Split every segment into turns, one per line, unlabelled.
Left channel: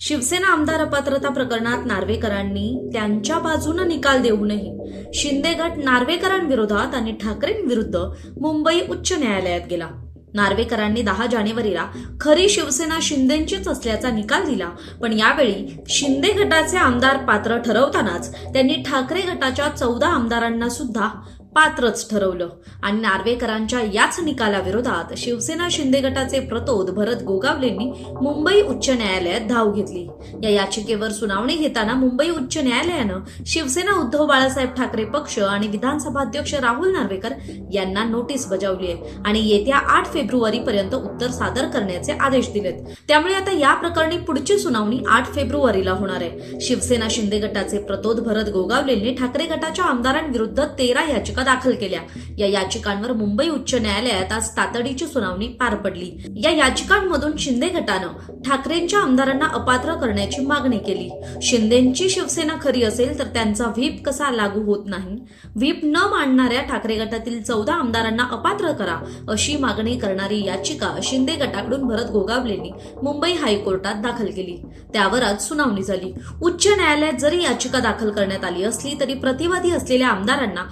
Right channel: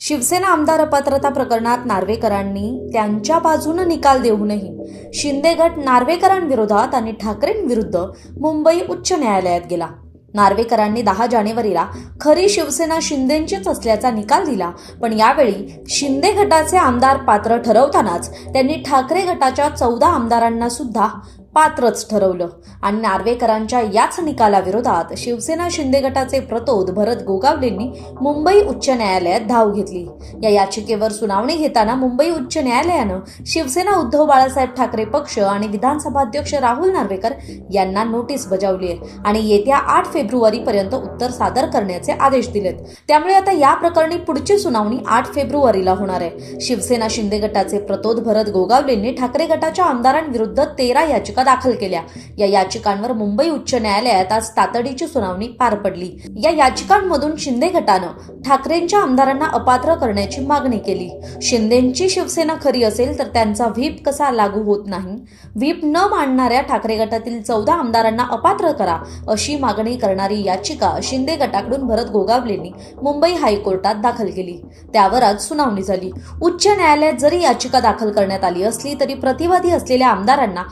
शिवसेना आमदार अपात्रता प्रकरणात नार्वेकरांनी त्यांच्या बाजूनं निकाल देऊनही शिंदे गट नार्वेकरांविरोधात आणि ठाकरेंविरुद्ध मुंबई उच्च न्यायालयात गेला. नार्वेकरांनी दहा जानेवारीला खरी शिवसेना शिंदेंचीच असल्याचा निकाल दिला पण यावेळी शिंदे गटाचे आमदार पात्र ठरवतानाच त्यांनी ठाकरे गटाच्या चौदा आमदारांना सुद्धा पात्रच ठरवलं. आणि नार्वेकरांच्या याच निकालाविरोधात शिवसेना शिंदे गटाचे प्रतोद भरत गोगावलेंनी मुंबई उच्च न्यायालयात धाव घेतली. या याचिकेवर सुनावणी घेताना मुंबई उच्च न्यायालयानं शिवसेना उद्धव बाळासाहेब ठाकरे पक्ष आणि विधानसभा अध्यक्ष राहुल नार्वेकर यांना नोटीस बजावली आहे आणि येत्या आठ फेब्रुवारी पर्यंत उत्तर सादर करण्याचे आदेश दिलेत. त्यामुळे आता या प्रकरणी पुढची सुनावणी आठ फेब्रुवारीला होणार आहे. शिवसेना शिंदे गटाचे प्रतोद भरत गोगावलेंनी ठाकरे गटाच्या आमदारांविरुद्ध तेरा याचिका दाखल केल्या. या याचिकांवर मुंबई उच्च न्यायालयात आज तातडीची सुनावणी पार पडली. या याचिकांमधून शिंदे गटानं ठाकरेंच्या आमदारांना अपात्र करण्याची मागणी केली. शिंदेची शिवसेना खरी असेल तर त्यांचा व्हीप कसा लागू होत नाही? व्हीप न मांडणाऱ्या ठाकरे गटातील चौदा आमदारांना अपात्र करा अशी मागणी करणारी याचिका शिंदे गटाकडून भरत गोगावलेंनी मुंबई हायकोर्टात दाखल केली. त्यावर आज सुनावणी झाली. उच्च न्यायालयात जरी याचिका दाखल करण्यात आली असली तरी प्रतिवादी असलेल्या आमदारांना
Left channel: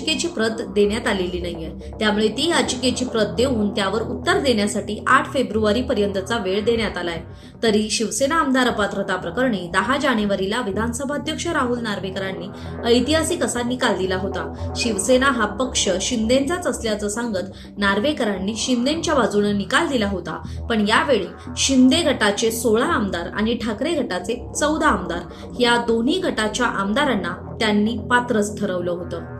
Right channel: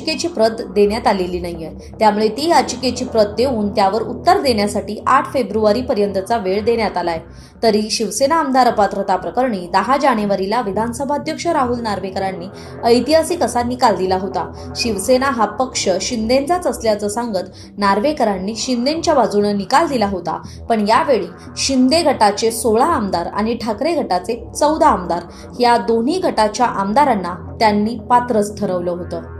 याचिकेची प्रत देण्यात आलेली नाहीये. त्यामुळे ती याचिकेची प्रत देऊन त्यावर उत्तर देण्यासाठी आठ फेब्रुवारी पर्यंतचा वेळ देण्यात आलाय. तरी शिवसेना आमदार अपात्रता प्रकरणी दहा जानेवारीला विधानसभा अध्यक्ष राहुल नार्वेकरांनी ऐतिहासिक असा निकाल दिला होता. शिवसेना हा पक्ष शिंदेचाच असल्याचं सांगत नार्वेकरांनी शिंदेच्या बाजूने निकाल दिला होता. पण यावेळी शिंदे गटाचे सोळा आमदार आणि ठाकरे गटाचे चौदा आमदार या दोन्ही गटाच्या आमदारांना त्यांनी पात्रच ठरवलं होतं.